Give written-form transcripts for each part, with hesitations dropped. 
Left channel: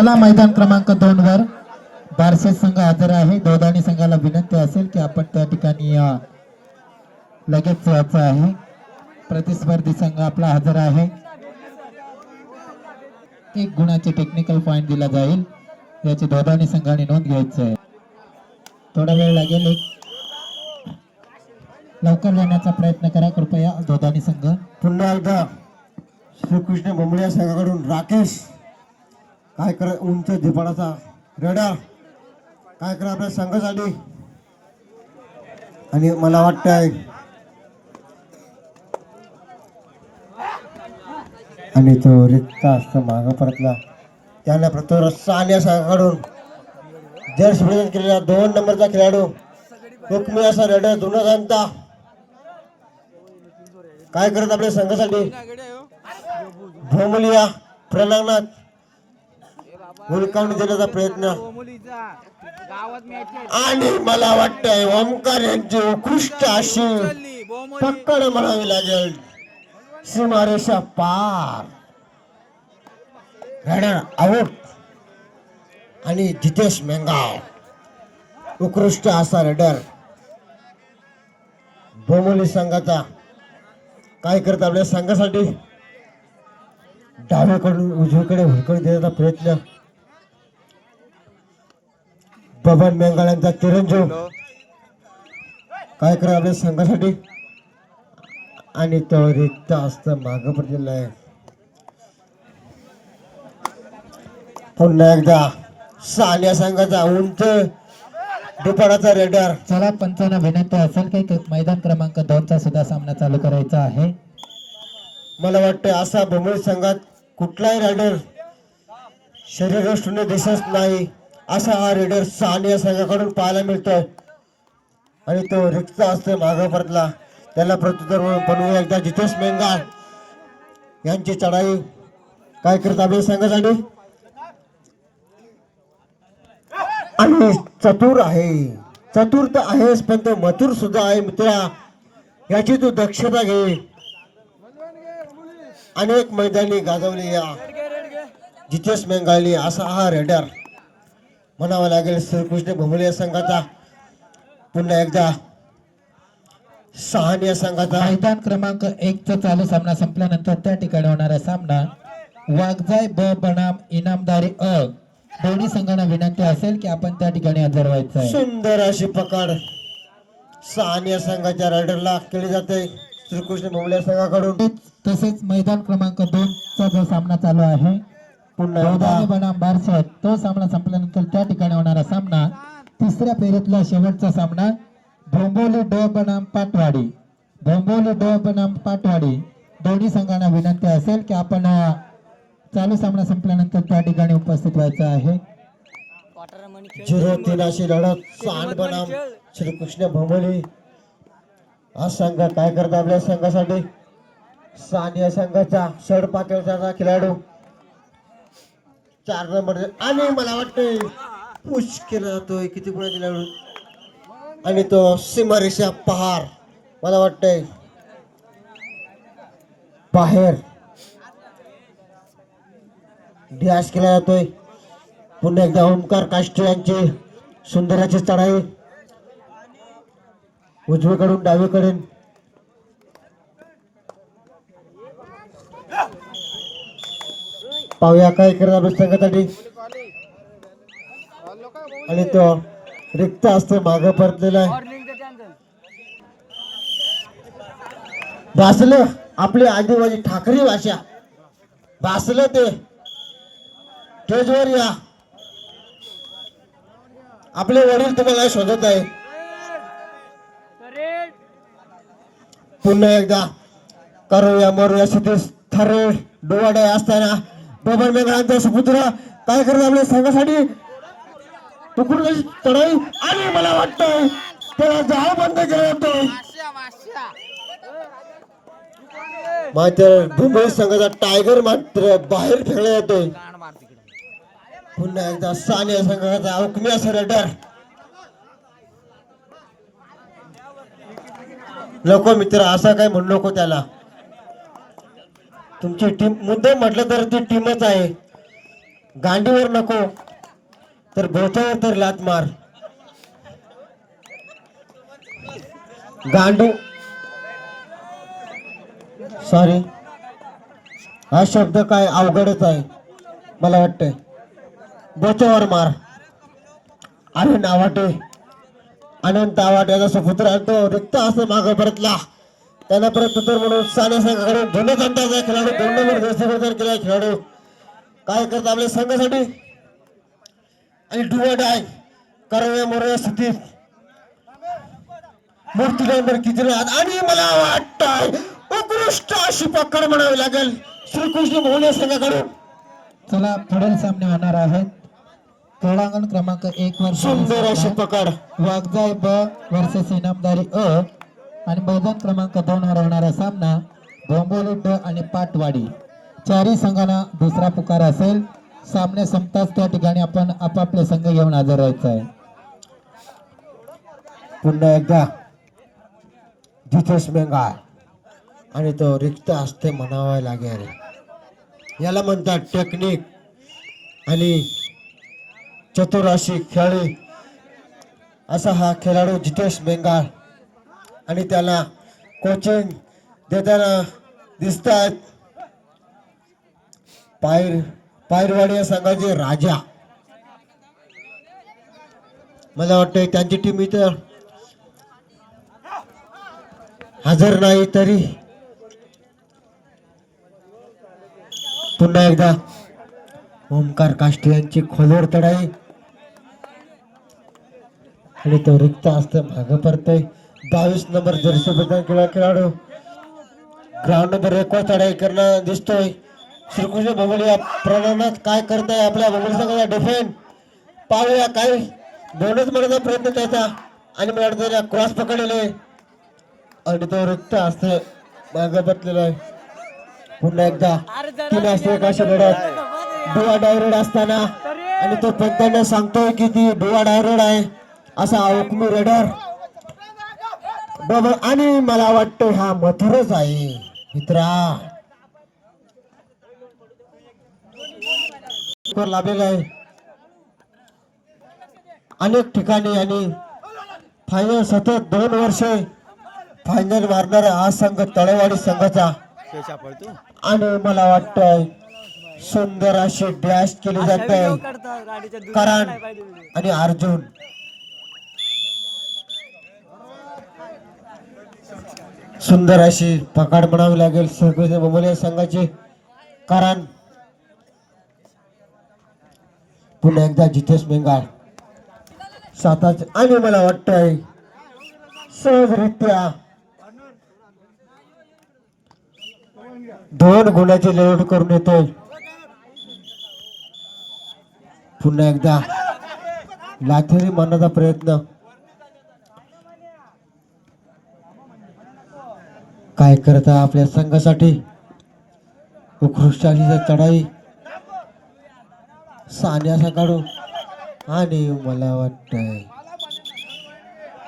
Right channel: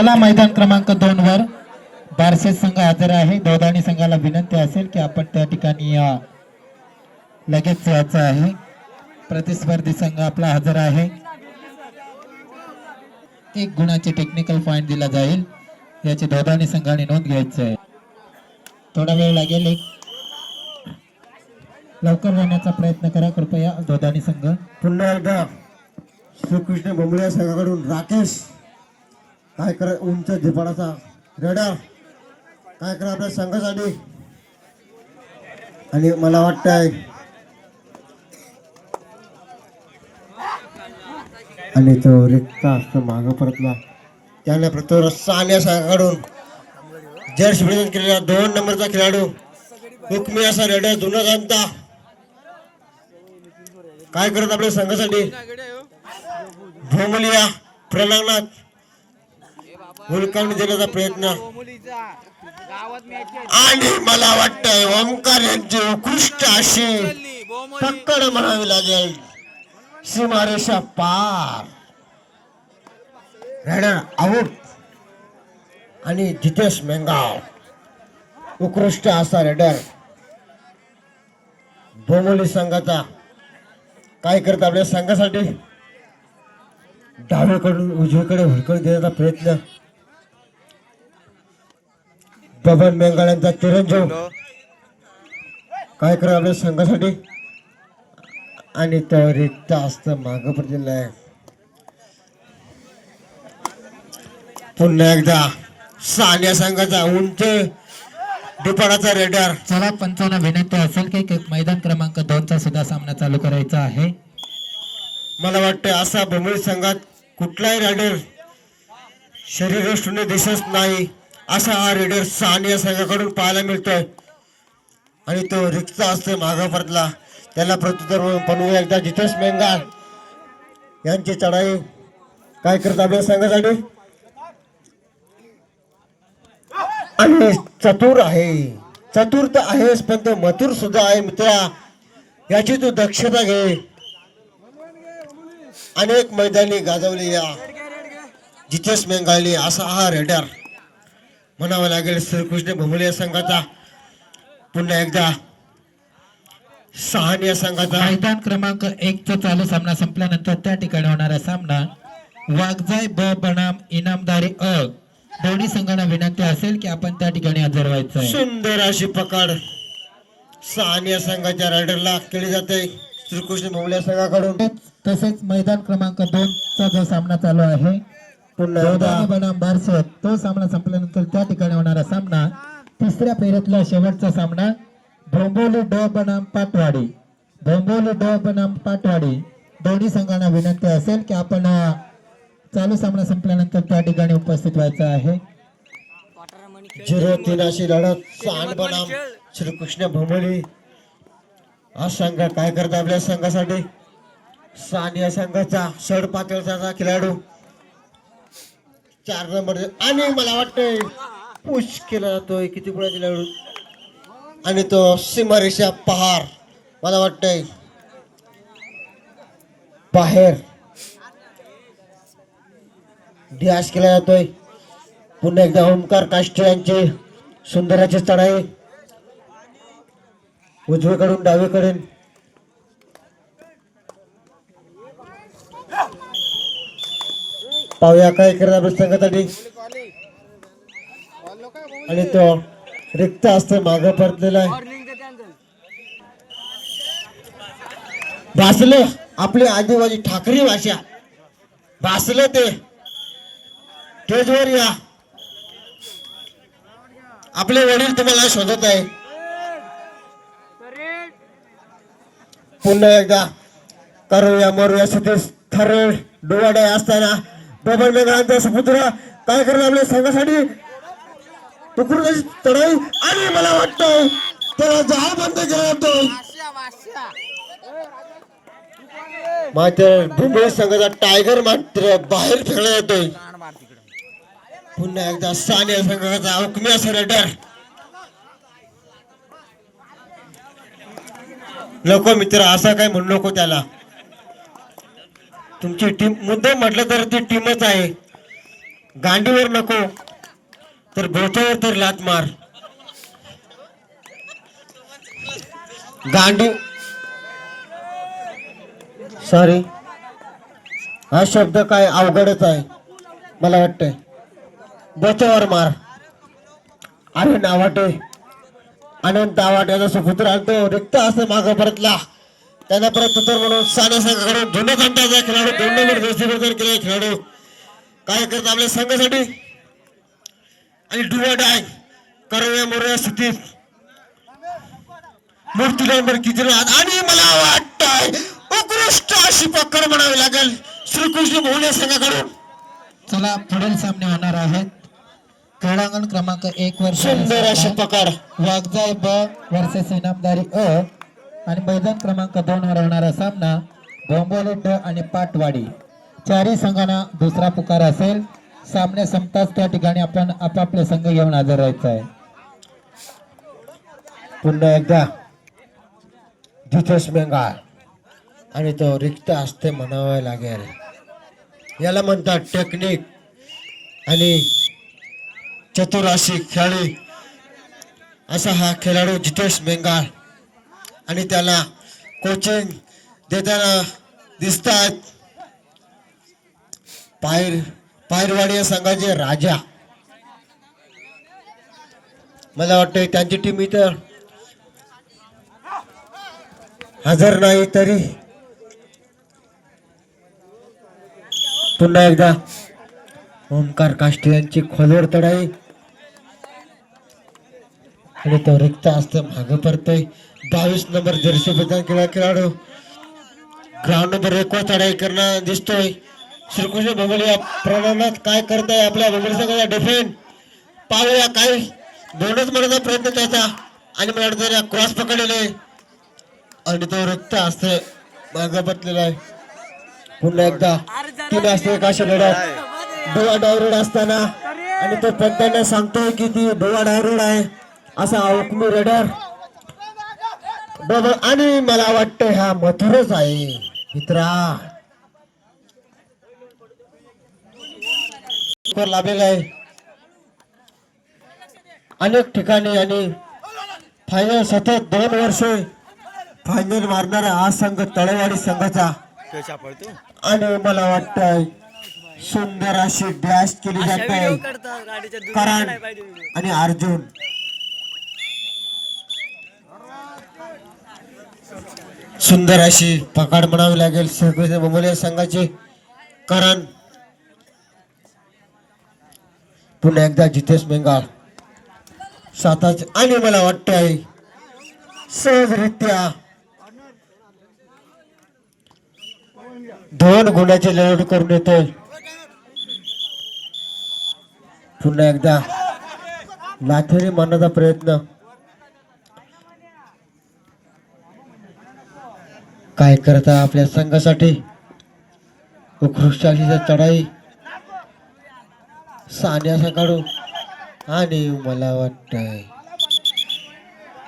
चला मैदान क्रमांक 2 वर बारशे संघ हजर आहे. दोघांनी संघाला विनंती असेल की आपण त्या ठिकाणी लगेच यायचं आहे. प्रतिस्पर्धी संघ आपला हजर आहे. 1 गुणाचे टेक्निकल पॉइंट दिला जाईल. याची दोघांनी संघाने नोंद घ्यायची आहे. थोडा वेळ लागेल. लवकर येण्याचा प्रयत्न करा कृपया दोघांनी संघ. पुन्हा एकदा श्रीकृष्ण बोंबळे संघाकडून राकेश काय कर उंच झेपाडाचा रडार काय करा आपल्या संघासाठी. आणि मला वाटतंय आणि तो रिक्त असतो मागं परतला त्याने प्रथम सानिया संघाकडून जर्सी प्रदान केलेला 2 नंबरचा खेळाडू हुकमी असा रेडर जुना जाणता काय करत आपल्या संघासाठी भोमलिया प्रलांगणात हुलकावणी देण्याचा प्रयत्न. आणि मला वाटतंय ओमकार यांची उत्कृष्ट अशी पकड म्हणावी लागेल. सीमारेषा पार रेडर आउट. आणि जितेश मेंगाव उत्कृष्ट असा रेडर बोमोली संघाचा काय करत आपल्या संघासाठी डावीकडून उजवीकडे हुलकड देण्याचा प्रयत्न. बबन मेंगाळ यांचा चिरंजीव काय करत आपल्या संघासाठी. आणि तो रिक्त असतं मागं पडलेलं आहे. पुन्हा एकदा सानिया संघाचा उंच दुपाराचा रेडर. चला पंचांना विनंती असेल की मैदान क्रमांक 2 चा सुद्धा सामना चालू करायचा आहे. मला वाटतं असा बोंबळी संघात कुठलाही रेडर शरीरयष्टीने दिसत नाही असा हा रेडर सानिया संघाकडून पाहायला मिळतोय. आणि तो रिक्त असतो मागं परतला त्याला प्रत्युत्तर बनवून एकदा जितेश मेंगाल यांची चढाई काय करत आपल्या संघासाठी. आणि चतुर आहे चतुर तर आहेच पण तो मथुर सुद्धा आहे मित्रा. याची तू दक्षता घे. अनेक मैदानी गाजवली या जितेश मेंगाली असा हा रेडर म्हणावा लागेल श्रीकृष्ण भोमले संघाचा. पुन्हा एकदा सहानिया संघाचा. मैदान क्रमांक 1 चा चालू सामना संपल्यानंतर त्या ठिकाणी होणारा सामना वाघजाई ब बनाम इनामदारी अ. दोन्ही संघांना विनंती असेल की आपण त्या ठिकाणी हजर व्हायचं आहे. सुंदर अशी पकड सहानिया संघाच्या रायडरला केली जाते श्रीकृष्ण भोमले संघाकडून. तसेच मैदान क्रमांक 2 चा जो सामना चालू आहे पुन्हा बनाम बारसत तो सामना संपल्यानंतर त्या ठिकाणी होणारा सामना 3ऱ्या फेरीतला शेवटचा सामना भोंबोली ड बनाम पाटवाडी. भोंबोली ड बनाम पाटवाडी दोन्ही संघांना विनंती असेल की आपण चालू सामना संपल्यानंतर त्या ठिकाणी उपस्थित व्हायचं आहे. 0-3 अशी लढत सांड बनाम श्रीकृष्ण भोमली हा संघ काय करत आपल्या संघासाठी. सानिया संघाचा षड पातळचा खेळाडू 4 नंबर आणि मला वाटतंय पुश केला जातोय किती पुढे खेळाडू. आणि तो सीमारेषा पहार मला वाटतंय बाहेर ध्यास केला जातोय. पुन्हा एकदा ओमकार काष्टे यांचे सुंदराची चढाई उजवीकडून डावीकडून. पाहूया काय करत आपल्या संघासाठी. आणि तो रिक्त असतो मागं परतलेला आहे. भासलं आपली आदिवासी ठाकरी भाषा भासलं ते स्टेजवर या. आपले वडील तुम्हाला शोधत आहे. पुन्हा एकदा करूया मरूया सतीश थरे डोवाडे असताना बबन मेघांचा समुद्र काय करत आपल्या संघासाठी तुकडून चढाई. आणि मला वाटतं त्याला जहा बंद केला जातो. मात्र भूमी संघाचा टायगर मात्र बाहेर फेकला जातोय. पुन्हा एकदा सानिया संघाचा हुकमी असा रेडर. नको मित्र असं काय म्हणू नको त्याला. तुमची टीम मुद्दाम म्हटलं तर ती टीमच आहे. गांडीवर नको तर बोथावर तर लात मार. गांडी सॉरी हा शब्द काय अवघडच आहे मला वाटतंय. बोथावर मार. अरे नावाटे अनंत आवाट्याचा सुपुत्र आणतो रिक्त असं मागं परतला. त्याला परत उत्तर म्हणून साने संघाकडे दोन घंटाचा खेळाडू 2 नंबर दर्शक केला खेळाडू काय करत आपल्या संघासाठी आणि डुवट आहे करण्या मोऱ्या स्थितीत मूर्तीलांवर किती आणि मला वाटतंय उत्कृष्ट अशी पकड म्हणावी लागेल श्रीकृष्ण भोवणे संघाकडून. चला पुढील सामने होणार आहेत. क्रीडांगण क्रमांक 1 वर सुंदर अशी पकड वागजाई ब वर्सेस इनामदारी अ आणि मैदान क्रमांक 2 वर होणारा सामना डोंबोली ड आणि पाटवाडी. चारही संघांना दुसरा पुकार असेल. सामने संपताच त्या ठिकाणी आपण आपापले संघ घेऊन हजर राहायचं आहे. पुन्हा एकदा जितेश बेंगाळ आणि तो रिक्त असते म्हणावं लागेल. याला म्हणतात टेक्निक आणि चतुराशी खेळी असा हा खेळाडू जितेश बेंगाळ आणि त्याला कोचिंग देताना दिसत आहेत पायरवाडी या संघाचे राजा. मला वाटतं त्यांची टीम इथं हजर नाही तरी पुन्हा एकदा ओमकार काष्टे यांची खोलवर तडाई आणि तो रिक्त असतं मागं पडतोय. 22 नंबर जर्सी बदल केला खेळाडू ग्राउंड नंबर 1 वर तडाई करणं दिसतोय. श्रीकृष्ण भोगले या प्रमाणात काय करताय आपल्या भोगले संघाचा डिफेंड पाहूया. काय दोनच मारण्याचा प्रयत्न त्याचा आणि मला वाटतं क्रॉस पकडलेले आणि तो रिक्त असते मागं पडलेला आहे. पुन्हा एकदा 3 असते एकाशी लढत डोळा डायरेक्ट असताना आणि तो पंत्याने सांगतोय की ती डोळा डायरेक्ट आहे असा हुकमी रेडर बरोबर. आणि मला वाटतं हा मथुरच आहे मित्रा लाभलेला आहे अनेक ठिकाणी आणि फायनल सतत 2 वर्षे फायनल मारणारा हा संघ तळेवाडी संघाचा आणि मला वाटतंय सुंदर अशी डॅश केली जाते करण आणि अर्जुन. सुंदर अशी पकड म्हणावी लागेल श्रीकृष्ण भोमले संघाची करण. पुन्हा एकदा जितेश बेंगाळ स्वतःच आणि मला वाटतंय सहजरित्या 2 गुणाची लढत करून येतोय. पुन्हा एकदा लाथेरी मारण्याचा प्रयत्न काय करता आपल्या संघासाठी उत्कृष्ट अशी चढाई सान्यासा काढू आणि मला वाटतंय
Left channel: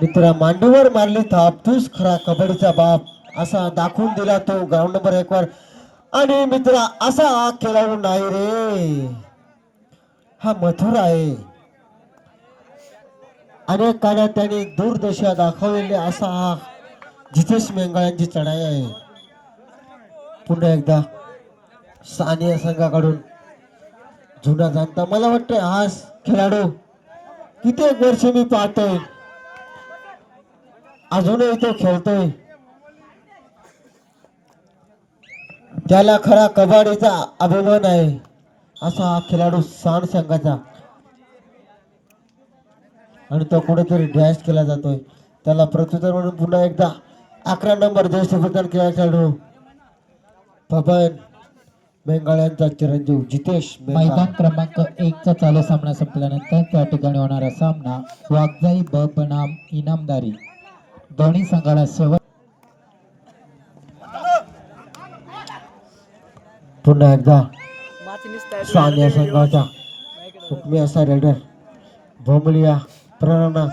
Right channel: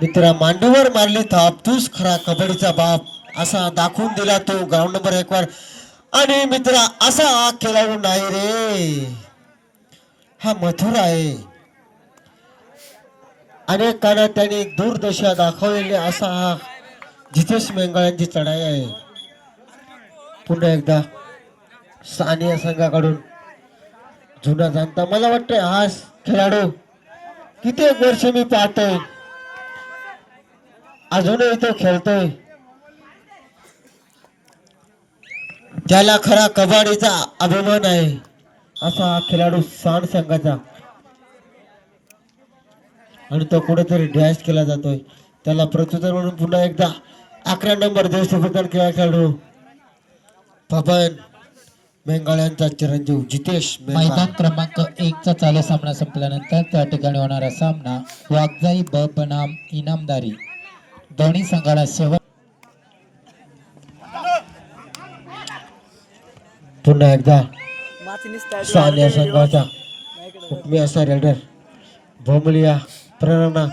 मित्रा मांडीवर मारली थाप तूच खरा कबड्डीचा बाप असा दाखवून दिला तो ग्राउंड नंबर 1 वर. आणि मित्रा असा हा खेळाडू नाही रे हा मथुर आहे. अनेक काळात त्यांनी दूरदशा दाखवलेली असा हा जितेश बेंगाळ यांची चढाई आहे. पुन्हा एकदा सानिया संघाकडून जुना जाणता मला वाटतंय हा खेळाडू किती वर्ष मी पाहतोय अजूनही तो खेळतोय. त्याला खरा कबड्डीचा अभिमान आहे असा हा खेळाडू सांड संघाचा आणि तो कुठेतरी डॅश केला जातोय. त्याला प्रत्युत्तर म्हणून पुन्हा एकदा 11 नंबर देशभूषण खेळाडू पवन बेंगाळ यांचा चिरंजीव जितेश बेंगाळ. मैदान क्रमांक 1 चा चालू सामना संपल्यानंतर त्या ठिकाणी होणारा सामना वागजाई ब बनाम इनामदारी. दोन्ही संघाला शेवट पुन्हा एकदा सानिया संघाचा हुकमी असा रेडर भोमलिया प्रेरणा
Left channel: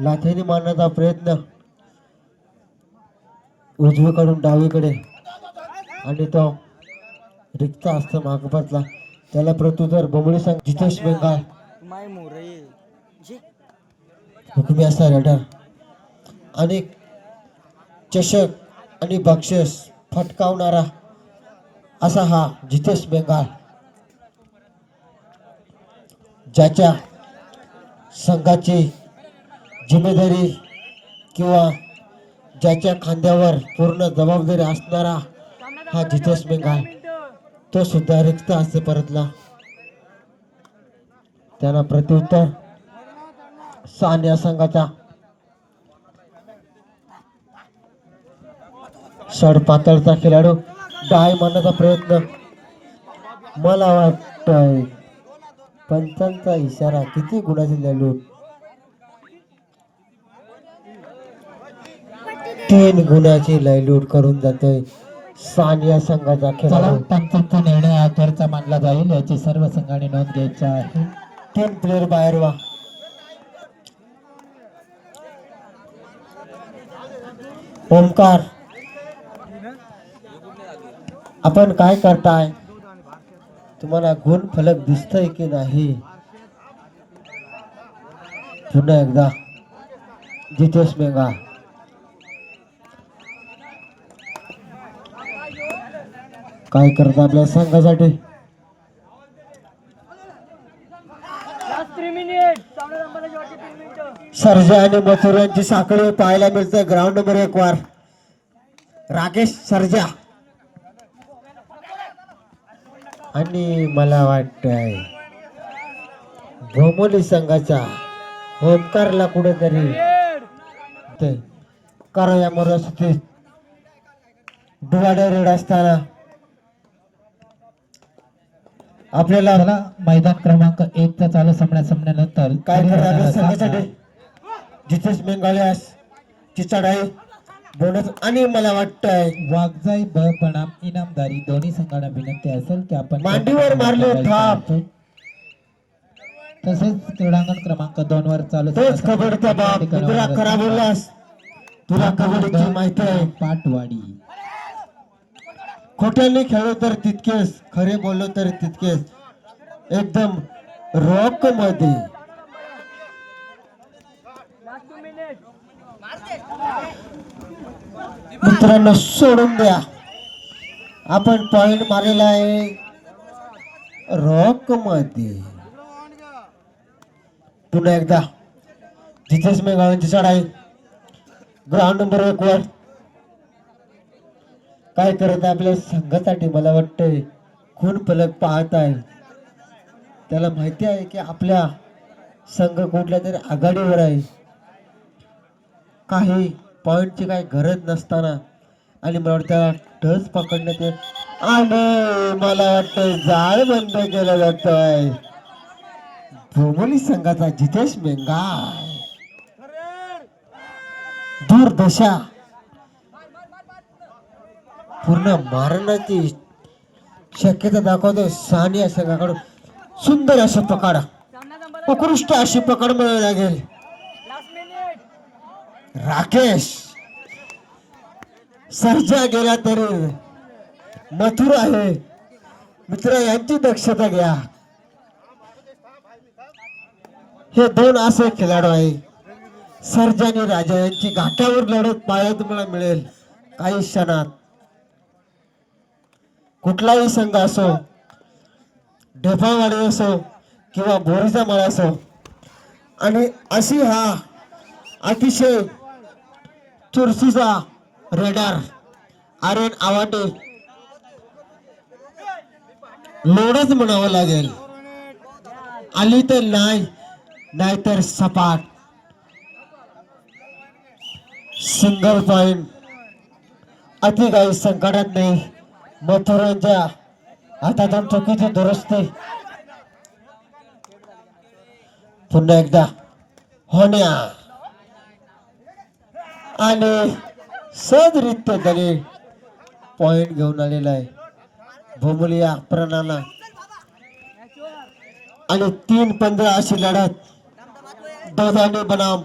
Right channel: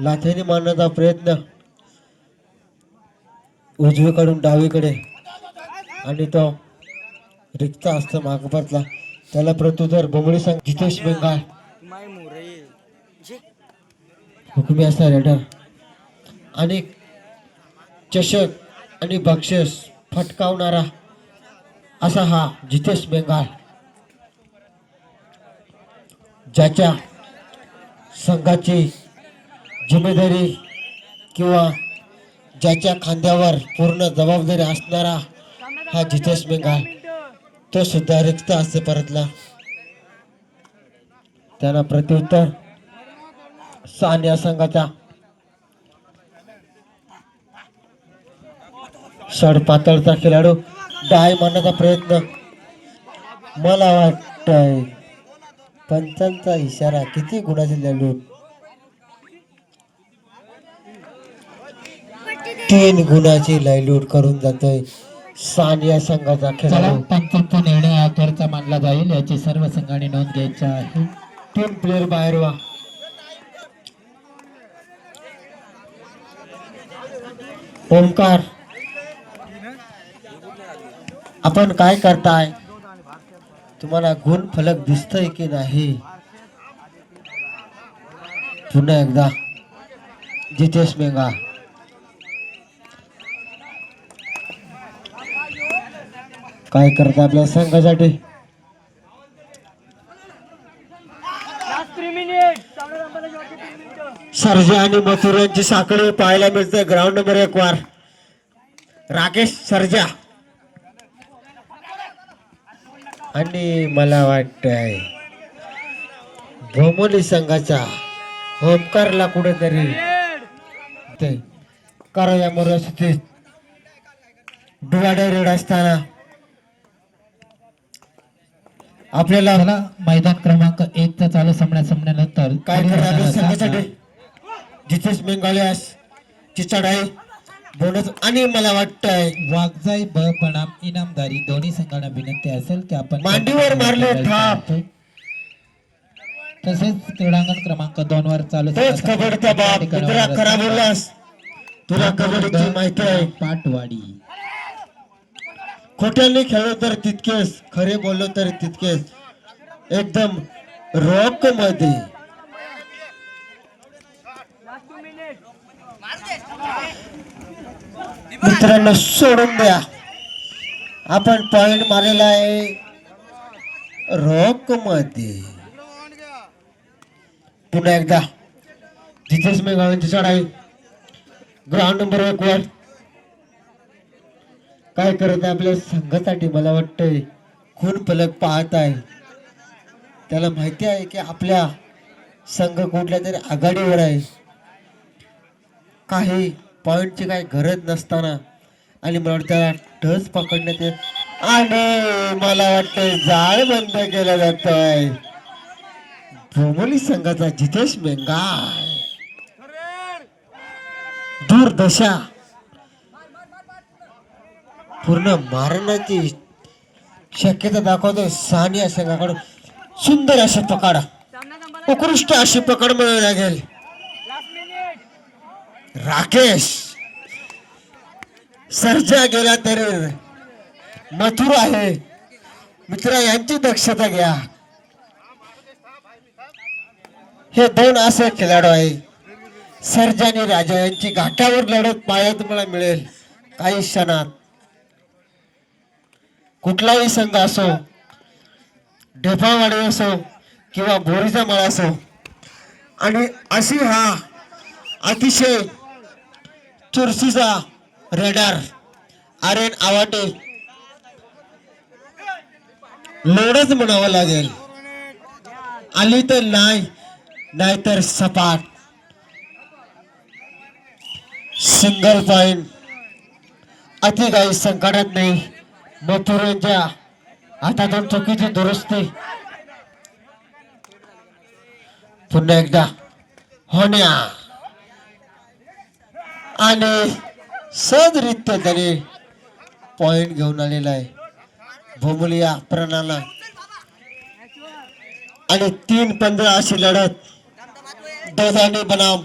लाथेने मारण्याचा प्रयत्न उजवीकडून डावीकडे आणि तो रिक्त असतं मागपतला त्याला प्रत्युत्तर भोमोली संघ जितेश बेंगाल हुकुमी असणार रेडर आणि चषक आणि बक्षीस फटकावणारा असा हा जितेश बेंगाल, ज्याच्या संघाची जिम्मेदारी किंवा ज्याच्या खांद्यावर पूर्ण जबाबदारी असणारा हा जितेश बेंगाल, तो सुद्धा रिक्त हस्ते परतला. त्याला प्रत्युत्तर सानिया संघाचा सडपातळचा खेळाडू डाय मारण्याचा प्रयत्न. मला वाटतंय पंचांचा इशारा किती गुणाची लढून 3 गुणाची लयलूट करून जातोय सानिया संघाचा खेळाडू. पंचांचा निर्णय आखरचा मानला जाईल याची सर्व संघाने नोंद घ्यायची आहे. 3 प्लेयर बाहेर व्हा. ओमकार, आपण काय करताय? तुम्हाला गुण फलक दिसतोय की नाही? पुन्हा एकदा जितेश बेंगाल, काय करत आपल्या संघासाठी? सर्जा आणि मथुर यांची साखळी पाहायला मिळते ग्राउंड नंबर 1 वर. राकेश सर्जा आणि मला वाटतंय भोमोली संघाचा ओमकारला कुठेतरी ते करायामोर स्थित डिवायडर रेड असताना आपल्याला चला मैदान क्रमांक 1 चा चालू संपल्यानंतर काय करायला संघासाठी जितेश बेंगालियास ची चढाई बोनस आणि मला वाटतंय वागजाई ब बनाम इनामदारी दोन्ही संघांना विनंती असेल की आपण मांडीवर मारले थाप. तसेच क्रीडांगण क्रमांक 2 वर चालू तोच कबड्डीचा बाप मित्रा खरा बोललास. तुला कबड्डीची माहिती आहे. पाटवाडी खोट्याने खेळलो तर तितकेच, खरे बोललो तर तितकेच. एकदम रॉक मध्ये मित्रांनो सोडून द्या. आपण पॉइंट मारलेला आहे रॉक मध्ये. पुन्हा एकदा जितेश बेंगालची चढाई ग्राउंड नंबर 1 वर. काय करत आपल्या संघासाठी? मला वाटतंय खून फलक पाहत आहे. त्याला माहिती आहे की आपल्या संघ कुठल्या तरी आघाडीवर आहे. काही पॉइंटची काही गरज नसताना आणि मला वाटतं टच पकडण्यात येत आणि मला वाटतंय जाळ बंद केलं जात आहे. भोमोली संघाचा जितेश बेंगाल दूरदशा पूर्ण मारण्याची शक्यता दाखवतोय सानिया संघाकडून. सुंदर अशी पकड, उत्कृष्ट अशी पकड मिळावी लागेल. राकेश सर्जा गेला तरी मथुर आहे. मित्र यांची दक्षता घ्या. हे 2 असे खेळाडू आहे. सर्जा आणि राजा यांची घाटावर लढत पाहायला तुम्हाला मिळेल काही क्षणात. कुठलाही संघ असो, ढेफावाडी असो किंवा बोरीचा मळा असो, आणि अशी हा अतिशय चुरशीचा रेडर आर्यन आवाटे लोडच म्हणावं लागेल. आली तर नाही, नाहीतर सपाट. सिंगल पॉइंट अति काही संकटात नाही. मथुरांच्या हातातून चुकीची दुरुस्ती. पुन्हा एकदा होण्या आणि सहजरित्या त्याने पॉइंट घेऊन आलेला आहे भोमोली या प्रणाला. आणि 3-15 अशी लढत दोघांनी बनाम